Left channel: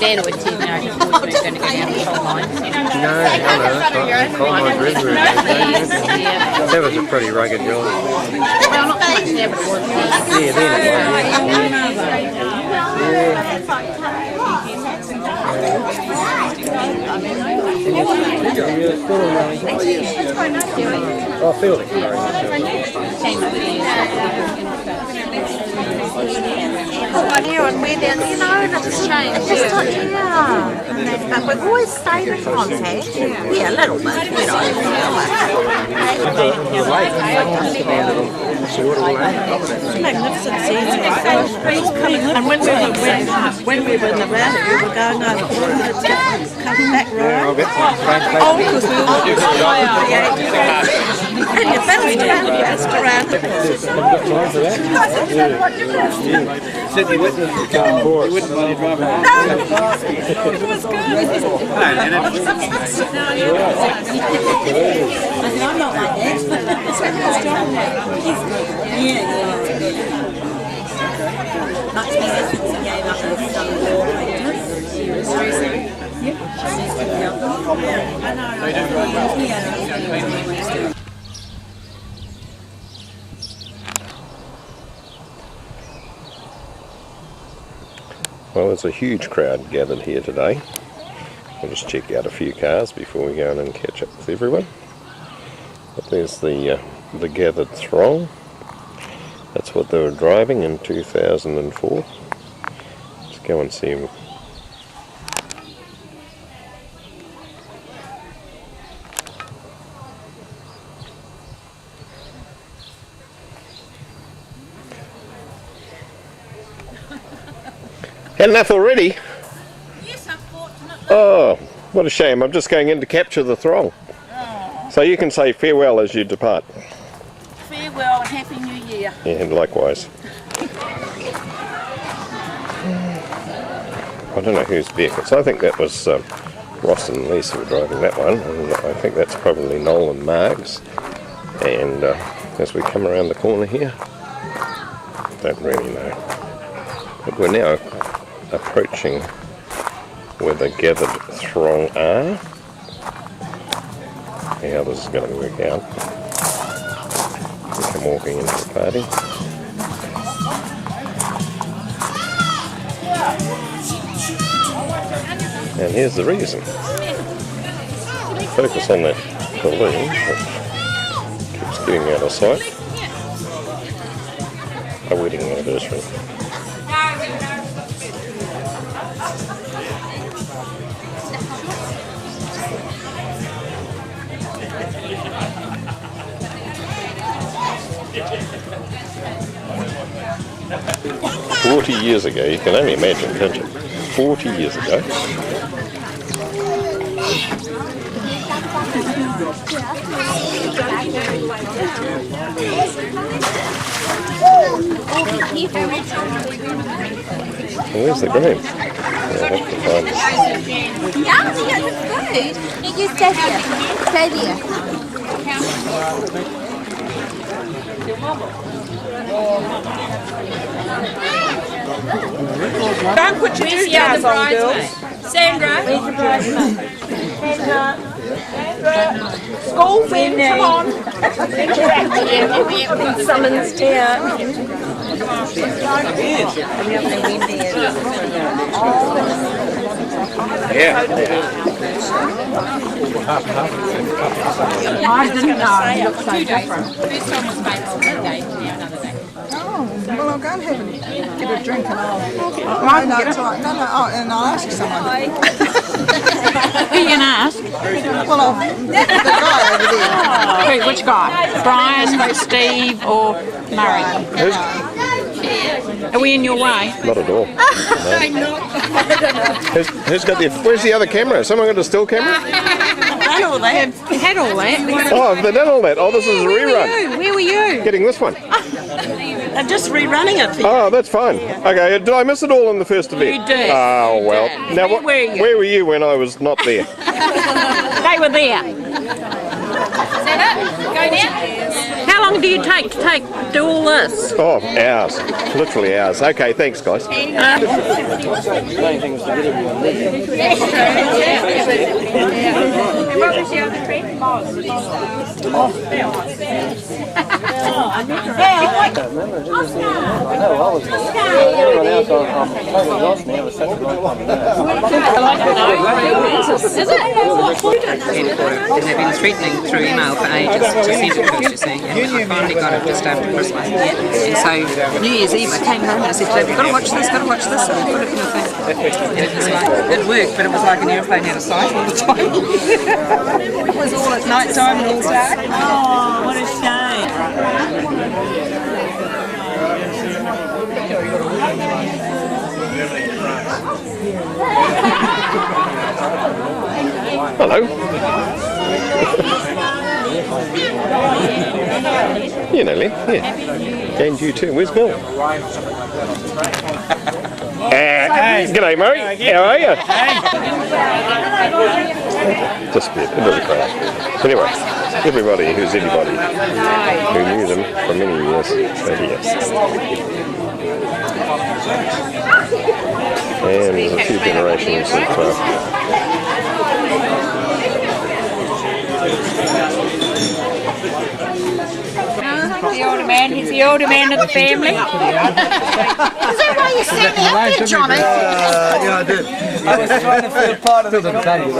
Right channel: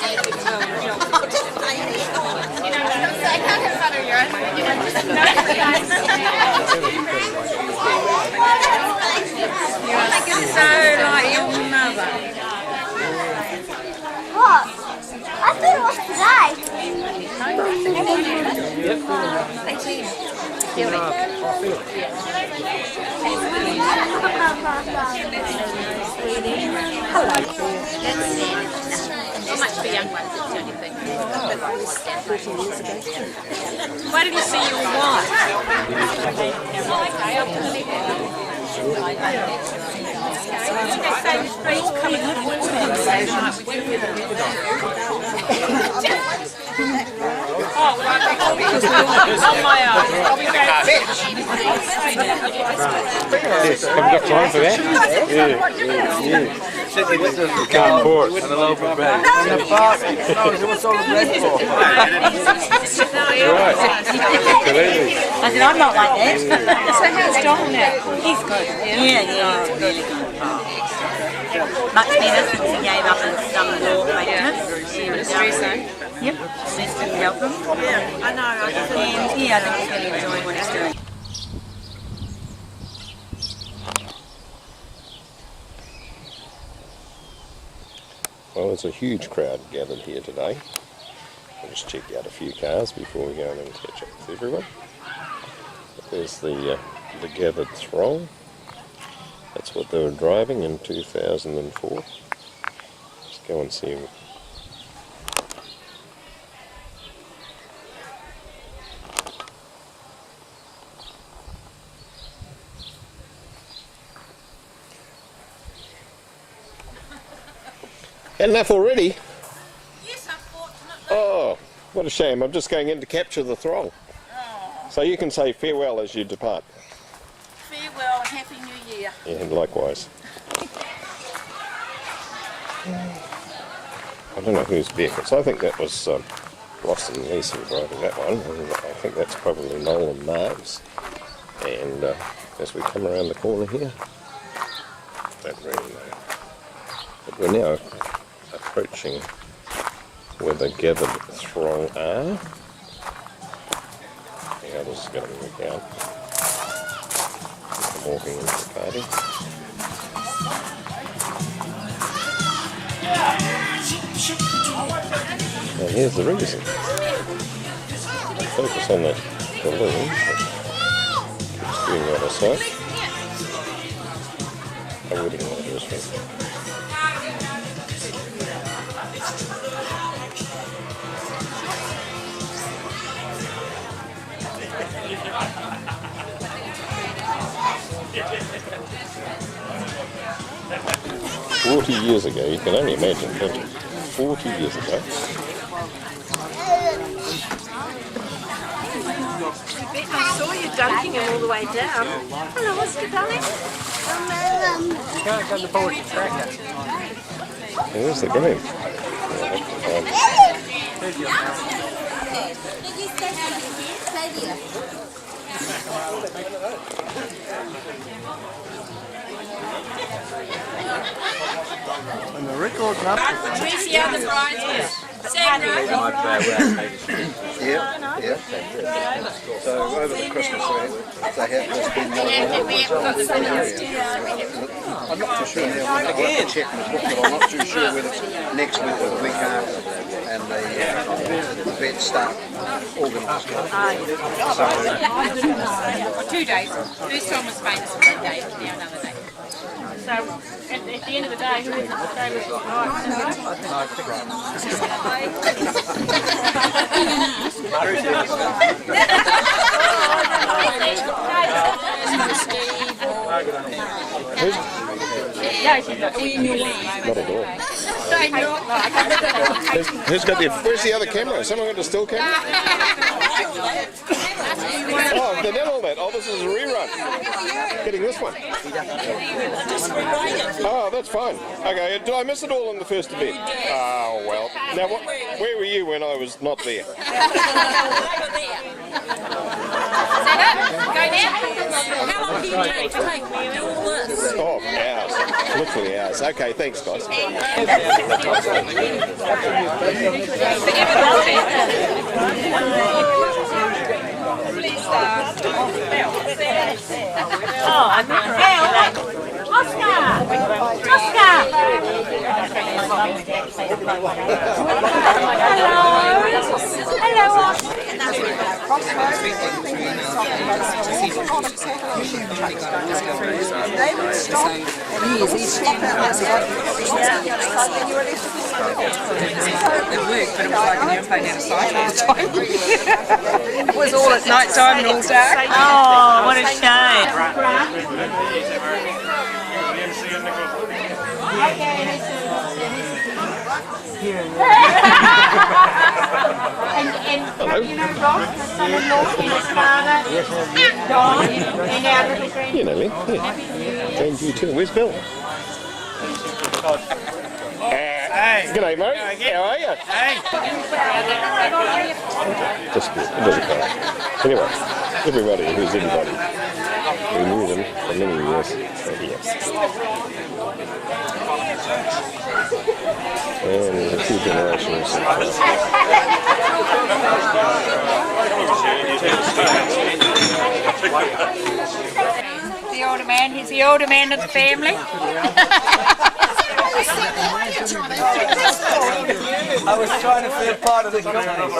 dad would know. That was a pretty rugged girl. So like your mother. Oh, Phil. But we've always stayed in contact. Yeah, a little bit. And when we were in the last, we were going over coming back road. Oh, because we were on my own. I'm not like that. Yeah. Much better since he gave up and done the law maintenance. He was very soon. Yep. I know. Well, there's a huge crowd gathered here today. We'll just check out a few cars before we go in and catch up with everyone. But there's the gathered throng. That's what they were driving in 2004. Let's go and see them. Had enough already? Yes, unfortunately. Oh, what a shame. I'm just going in to capture the throng. Oh. So you can say farewell as you depart. Farewell and Happy New Year. Yeah, and likewise. I don't know whose vehicles. I think that was Ross and Lisa who were driving that one, and I think that's probably Noel and Margs. And as we come around the corner here, don't really know. But we're now approaching where the gathered throng are. How this is going to work out. I'm walking into the party. And here's the reason. Focus on that balloon that keeps getting out of sight. A wedding anniversary. "40 years ago," you can only imagine, can't you? 40 years ago. Where's the green? I'll have to find it. You stay here. Stay there. Where's the other bridesmaid? Sandra? School feed, come on. We've got the video. Come on. Yeah. I didn't know. 2 days. First time was famous for 1 day, now another day. Well, I'll go and have a drink and I'll get right. No, and I'll ask you something. Who you gonna ask? Which guy? Brian, Steve, or Murray? Are we in your way? Not at all. I'm not. Who's got the? Where's the other camera? Someone got a still camera? Had all that. Oh, they've done all that. Oh, this is a rerun. Where were you? Getting this one. They're just rerunning it. Oh, that's fine. Okay, did I miss it all in the first event? You did. Oh, well. Now, where were you when I was not there? They were there. Set up. Go now. How long do you take to do all this? Oh, hours. Literally hours. Okay, thanks, guys. They've been threatening through email for ages to send it to us, you see. And I finally got it just over Christmas. And so New Year's Eve I came home and I said, "You've got to watch this, got to watch this." And it was like, it worked, but it was like an airplane out of sight all the time. It was all at night time and all dark. Oh, what a shame. Hello. You know, Lynn. Yeah. James, you too. Where's Bill? G'day, Murray. How are you? Just good. It doesn't crash. Anyway, everybody who's anybody who knew them for many years are here. And there's a few generations of The older man, he's the older man of the family. I was trying to feel part of the company.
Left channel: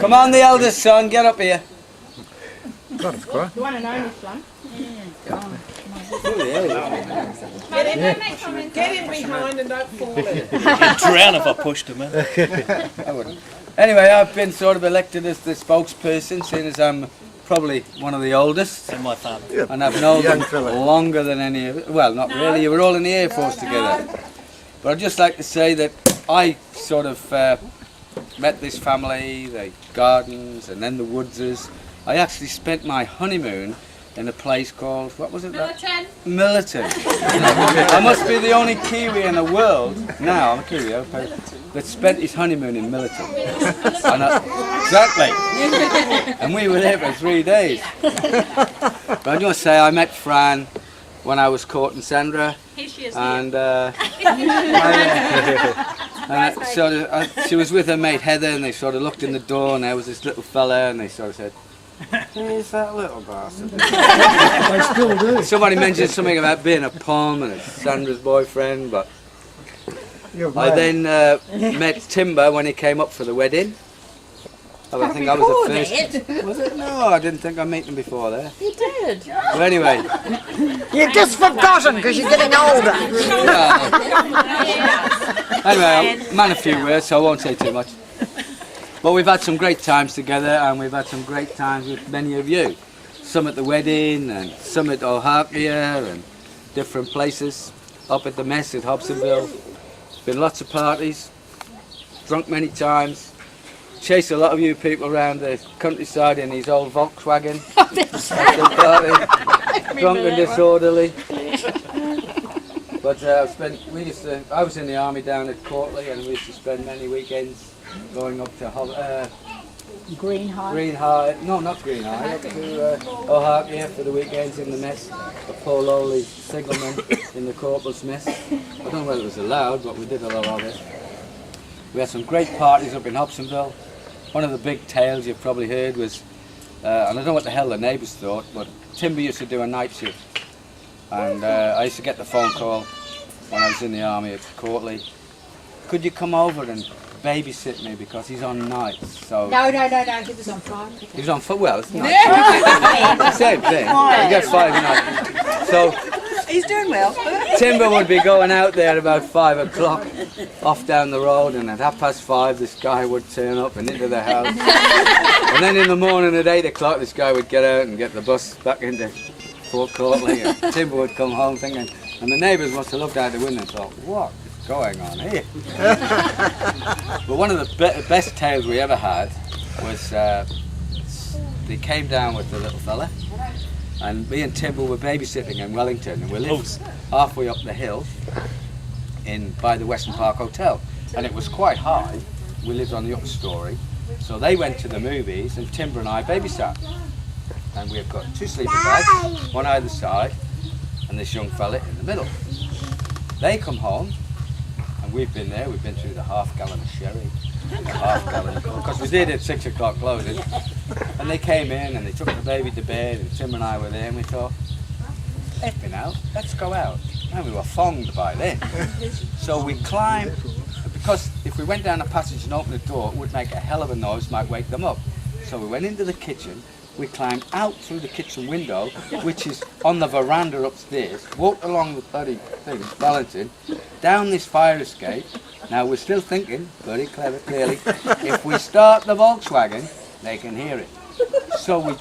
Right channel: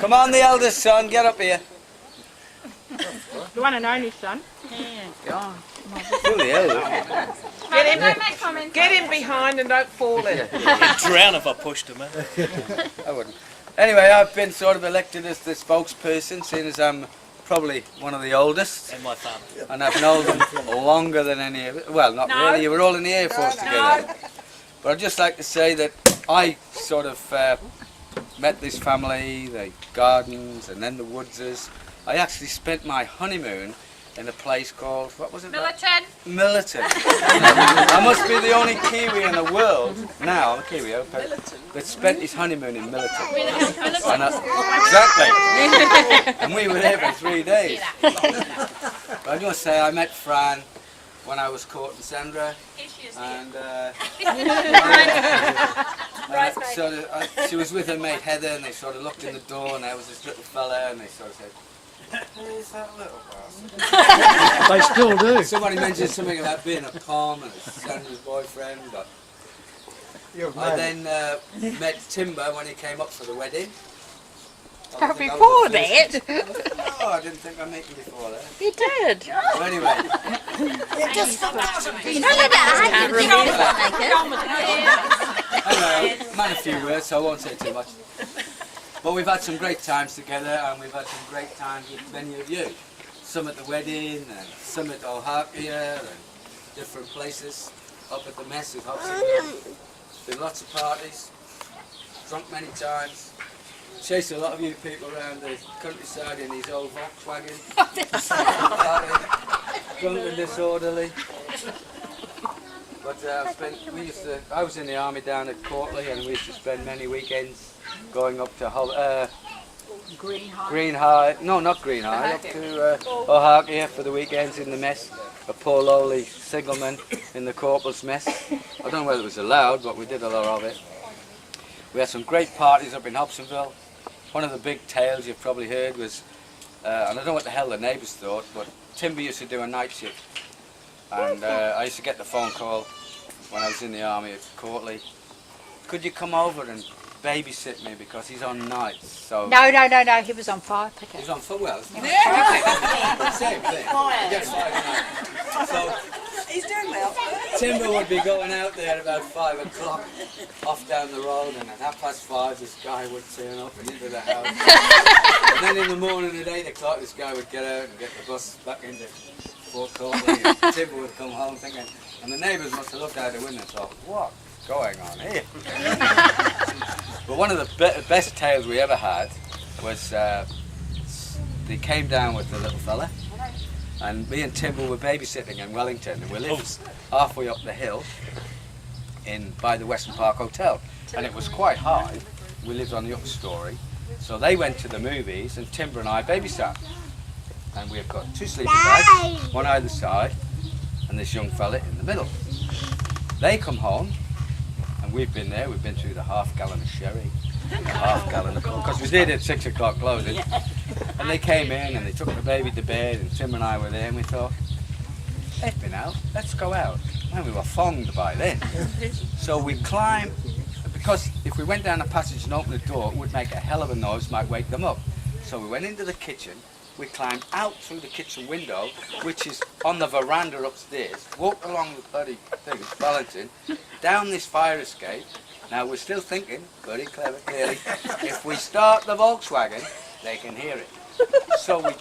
Come on, the eldest son, get up here. The one and only son. Get him behind and don't fall in. He'd drown if I pushed him in. I wouldn't. Anyway, I've been sort of elected as the spokesperson, seeing as I'm probably one of the oldest. And my father. And I've known them longer than any of it. Well, not really, you were all in the Air Force together. But I'd just like to say that I sort of met this family, the Gardens and then the Woodses. I actually spent my honeymoon in a place called, what was it? Millerton. I must be the only Kiwi in the world, now I'm a Kiwi, that spent his honeymoon in Millerton. And exactly. And we were there for 3 days. But I just say I met Fran when I was courting Sandra. Here she is. And so she was with her mate Heather, and they sort of looked in the door, and there was this little fella, and they sort of said, "Who's that little bastard?" They still do. Somebody mentioned something about being a palm and Sandra's boyfriend, but I then met Timber when he came up for the wedding. I think I was the first. Was it? No, I didn't think I'd meet him before there. You did. Well, anyway. You've just forgotten because you're getting older. Anyway, I'll man a few words, so I won't say too much. But we've had some great times together, and we've had some great times with many of you. Some at the wedding, and some at Ohakia, and different places. Up at the mess at Hobsonville. Been lots of parties. Drunk many times. Chased a lot of you people around the countryside in his old Volkswagen. Drunk and disorderly. But I was in the army down at Courtley, and we used to spend many weekends going up to Green High. No, not Green High. Up to Ohakia for the weekends in the mess. The poor lowly signalman in the corporal's mess. I don't know whether it was allowed, but we did a lot of it. We had some great parties up in Hobsonville. One of the big tales you've probably heard was, and I don't know what the hell the neighbours thought, but Timber used to do a night shift. And I used to get the phone call when I was in the army at Courtley. Could you come over and babysit me because he's on nights? So No, he was on fire. he was on foot. Well, it's not. Same thing. He gets 5 nights. So He's doing well. Timber would be going out there at about 5 o'clock, off down the road, and at 5:30 this guy would turn up and into the house. And then in the morning at 8 o'clock this guy would get out and get the bus back into Fort Courtley, and Timber would come home thinking, and the neighbours must have looked out the window and thought, what is going on here? But one of the best tales we ever had was they came down with the little fella, and me and Timber were babysitting in Wellington, and we lived halfway up the hill by the Western Park Hotel, and it was quite high, we lived on the upper story. So they went to the movies and Timber and I babysat. And we've got 2 sleeping bags, one either side, and this young fella in the middle. They come home, and we've been there, we've been through the half-gallon of sherry, the half-gallon of coke, because we did at 6 o'clock closing. And they came in and they took the baby to bed, and Tim and I were there, and we thought, effing out, let's go out. And we were fonged by then. So we climbed, because if we went down the passage and opened the door, it would make a hell of a noise, might wake them up. So we went into the kitchen, we climbed out through the kitchen window, which is on the veranda upstairs, walked along the bloody thing, balancing, down this fire escape. Now we're still thinking, very clever, clearly, if we start the Volkswagen, they can hear it. So we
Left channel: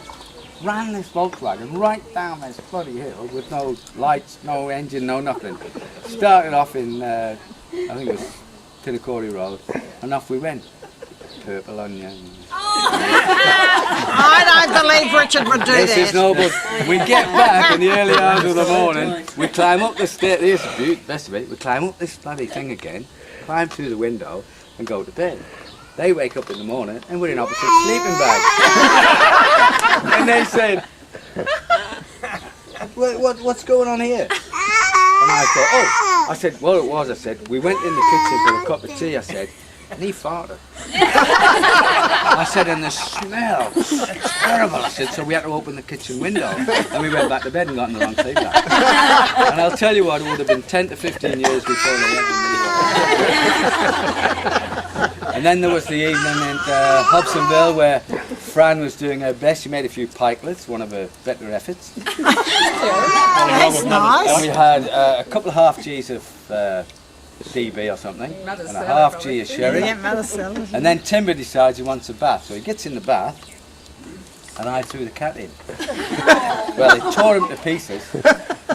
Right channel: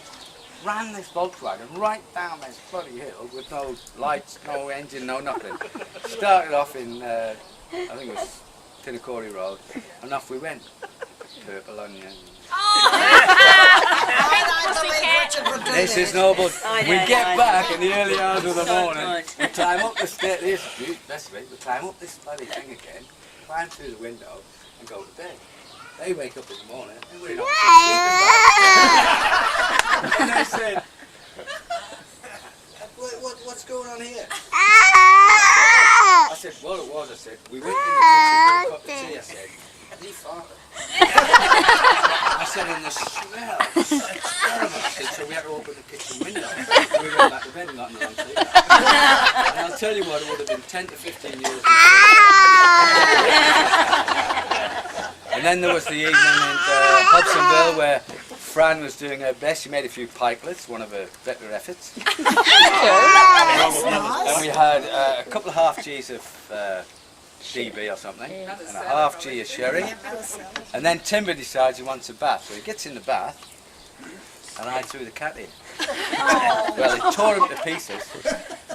ran this Volkswagen right down this bloody hill with no lights, no engine, no nothing. Started off in, I think it was Katikati Road, and off we went. Purple onion. I don't believe Richard would do this. This is noble. We get back in the early hours of the morning, we climb up the stairs, here's the beauty, best of it, we climb up this bloody thing again, climb through the window and go to bed. They wake up in the morning and we're in opposite sleeping bags. And then said, what's going on here? And I said, well, it was, I said, we went in the kitchen for a cup of tea, I said, and he farted. I said, and the smell, it's terrible. I said, so we had to open the kitchen window. And we went back to bed and got in the long sleep bag. And I'll tell you what, it would have been 10 to 15 years before they let me. And then there was the evening in Hobsonville where Fran was doing her best. She made a few pikelets, one of her better efforts. That's nice. And we had a couple of half G's of DB or something, and a half G of sherry. And then Timber decides he wants a bath, so he gets in the bath, and I threw the cat in. Well, it tore him to pieces,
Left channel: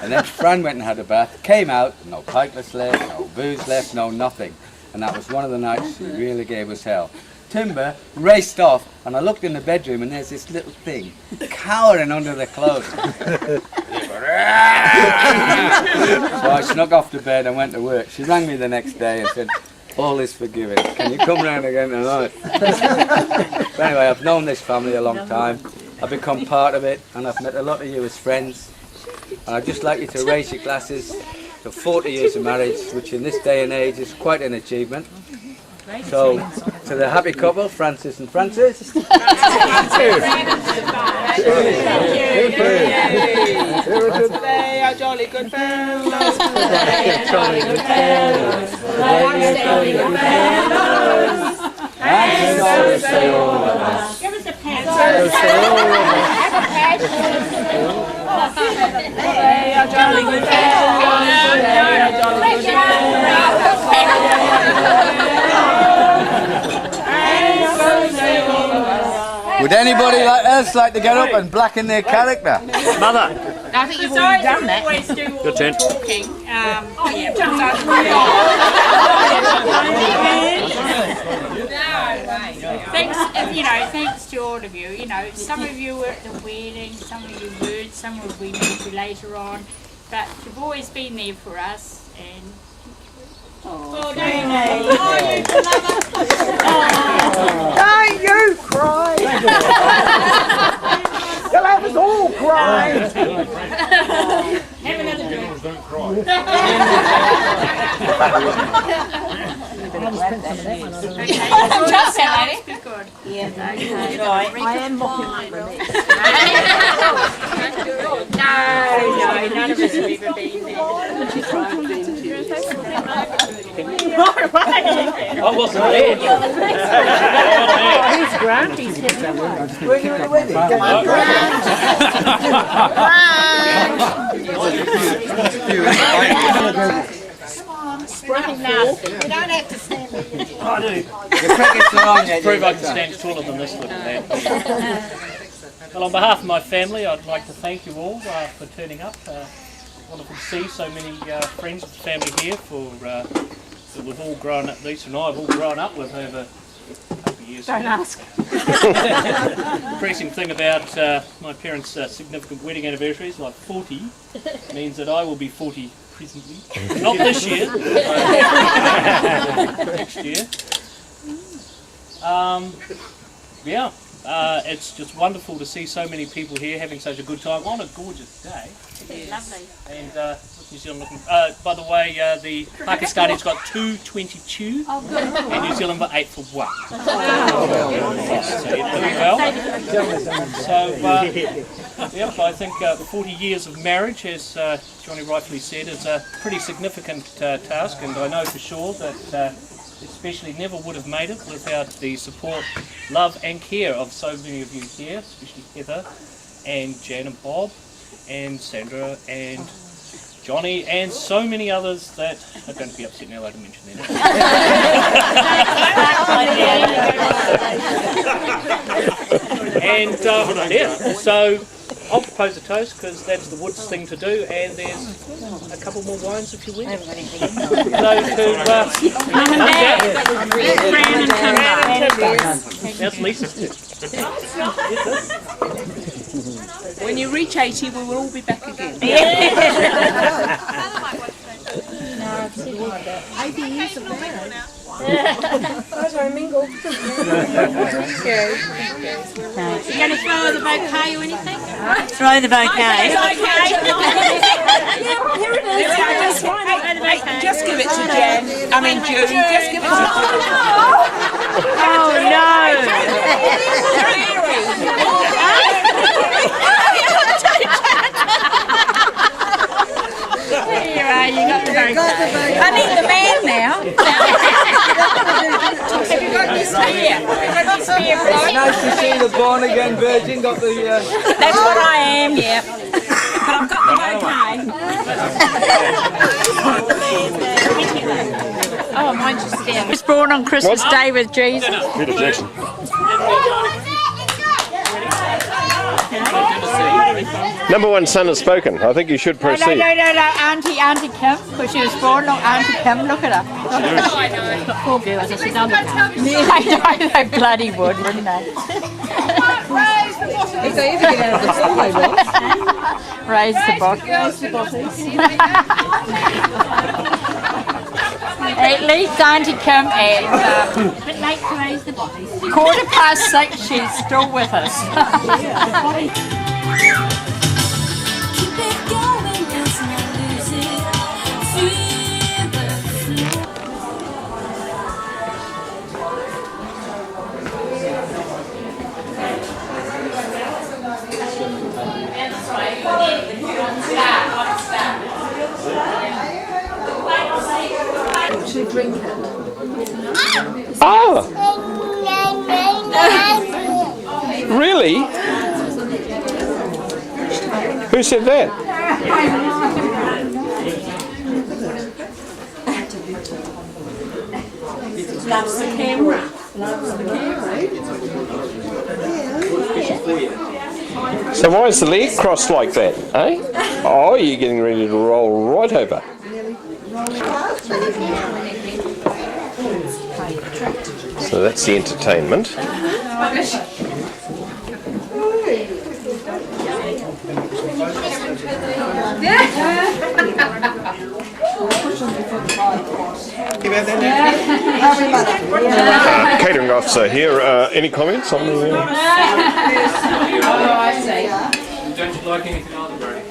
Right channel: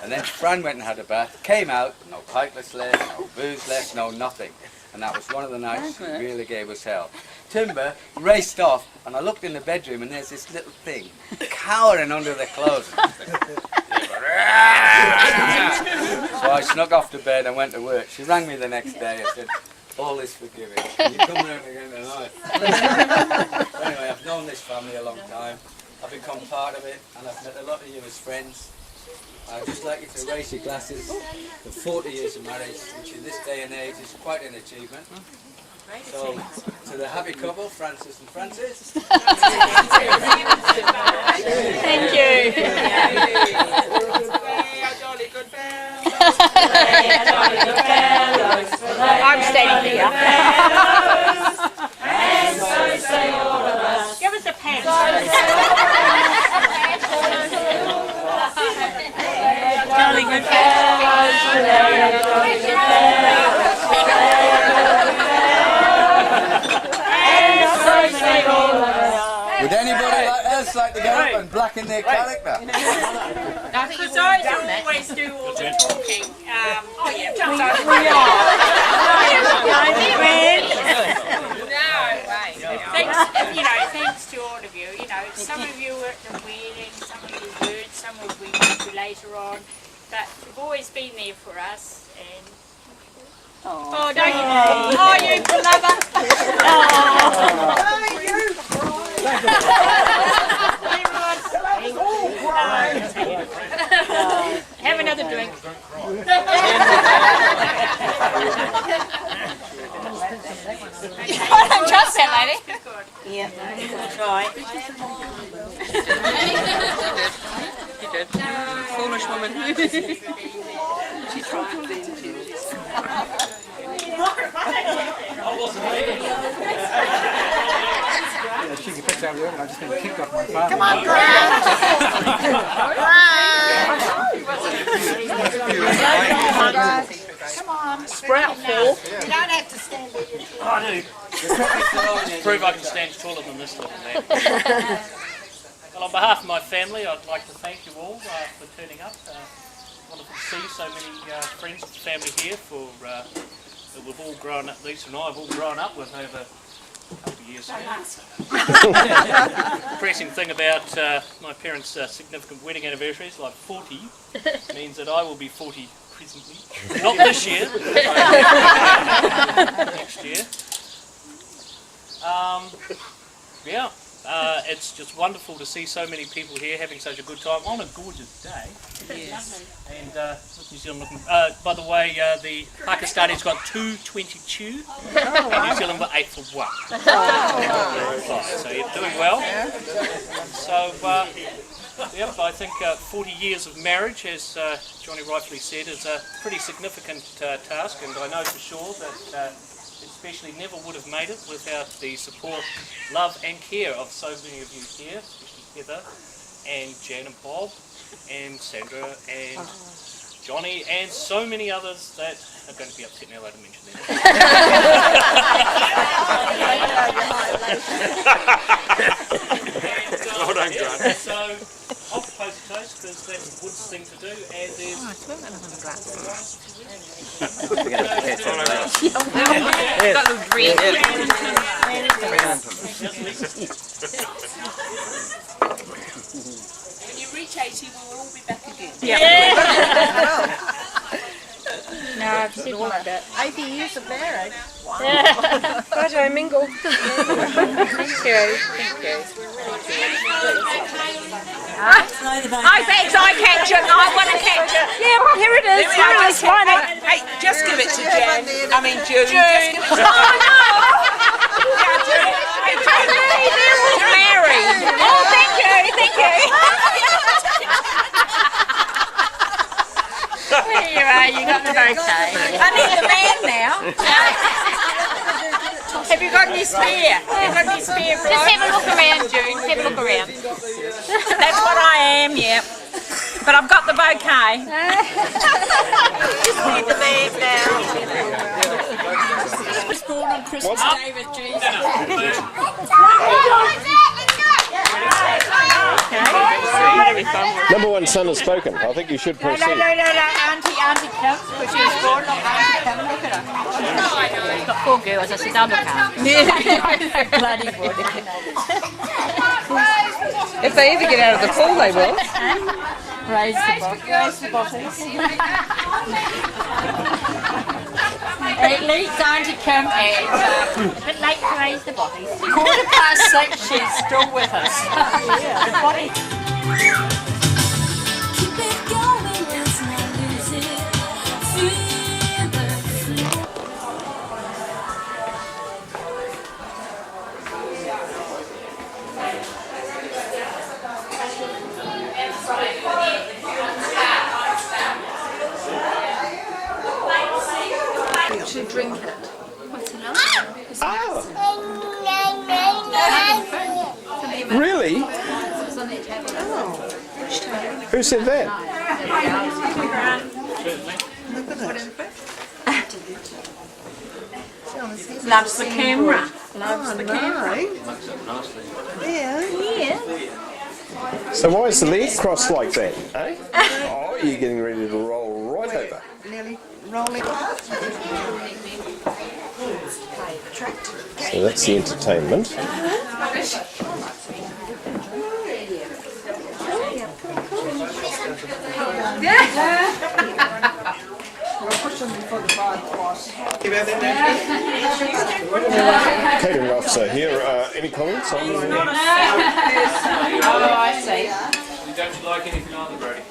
and then Fran went and had a bath, came out, no pikelets left, no booze left, no nothing. And that was one of the nights she really gave us hell. Timber raced off, and I looked in the bedroom, and there's this little thing cowering under the clothes. So I snuck off to bed and went to work. She rang me the next day and said, all is forgiven. Can you come round again tonight? Anyway, I've known this family a long time. I've become part of it, and I've met a lot of you as friends. And I'd just like you to raise your glasses to 40 years of marriage, which in this day and age is quite an achievement. So, to the happy couple, Francis and Francis. Thank you. They are jolly good fellows. They are jolly good fellows. I'm standing good fellows. And so say all of us. Give us a pen. They are jolly good fellows. They are jolly good fellows. Would anybody else like to get up and blacken their character? Mother. I think you've already done that. Always do all the talking. Thanks to all of you. You know, some of you were at the wedding, some of you weren't, some of we met you later on, but you've always been there for us. And oh, don't you know? Oh, you lover. Don't you cry. You'll have us all cry. Have another drink. Don't cry. Trust that lady. Be good. Yeah. Right. I am walking my room. No. She's right. I wasn't there. Come on, Grant. Come on, spread it now. You don't have to stand there. I do. Prove I can stand taller than this little man. Well, on behalf of my family, I'd like to thank you all for turning up. Wonderful to see so many friends of the family here that we've all grown up, Lisa and I have all grown up with over a couple of years. Don't ask. Depressing thing about my parents' significant wedding anniversaries, like 40, means that I will be 40 presently. Not this year, next year. Yeah, it's just wonderful to see so many people here having such a good time on a gorgeous day. Lovely. And New Zealand looking. By the way, the Pakistani's got 2.22, and New Zealand got 8 for 1. So you're doing well. So, yep, I think 40 years of marriage, as Johnny rightfully said, is a pretty significant task, and I know for sure that especially never would have made it without the support, love and care of so many of you here, especially Heather and Jan and Bob and Sandra and Johnny and so many others that are going to be upset now that I mention them. And yeah, so I'll propose a toast because that's the Woods thing to do, and there's a couple more wines if you will. When you reach 80, we will all be back again. No, something like that. 80 years of marriage. Right, I mingle. You going to throw the bouquet or anything? Throw the bouquet. Here it is. Hey, just give it to Jen. I mean June. Just give it to June. There you are, you got the bouquet. I need the man now. Have you got any spare? Have you got any spare blood? That's what I am, yep. But I've got the bouquet. He was born on Christmas Day with Jesus. Number one son has spoken. I think you should No, proceed. Auntie Kim, because she was born on Auntie Kim, look at her. Poor girl, so she's undercover. They bloody would, wouldn't they? If they ever get out of the pool, they will. Raise the bottom. At least Auntie Kim at a bit late to raise the body. 6:15, she's still with us. Keep it going, let's not lose it. Feel the flow. Should drink it. Oh! Really? Who said that? Loves the camera. Loves the camera. So why is the leg crossed like that, eh? Oh, you're getting ready to roll right over. So that's the entertainment. Catering officer here. Any comments on the? I see. Don't you like anything on the bride?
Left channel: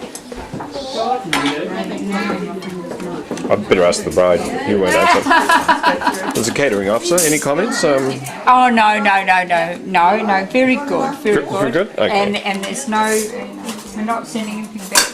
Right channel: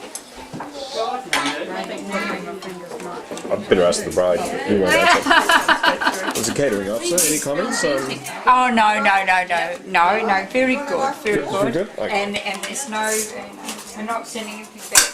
I'd better ask the bride. You won't answer. As a catering officer, any comments? Oh no, very good, very good. Very good? Okay. And there's no, we're not sending anything back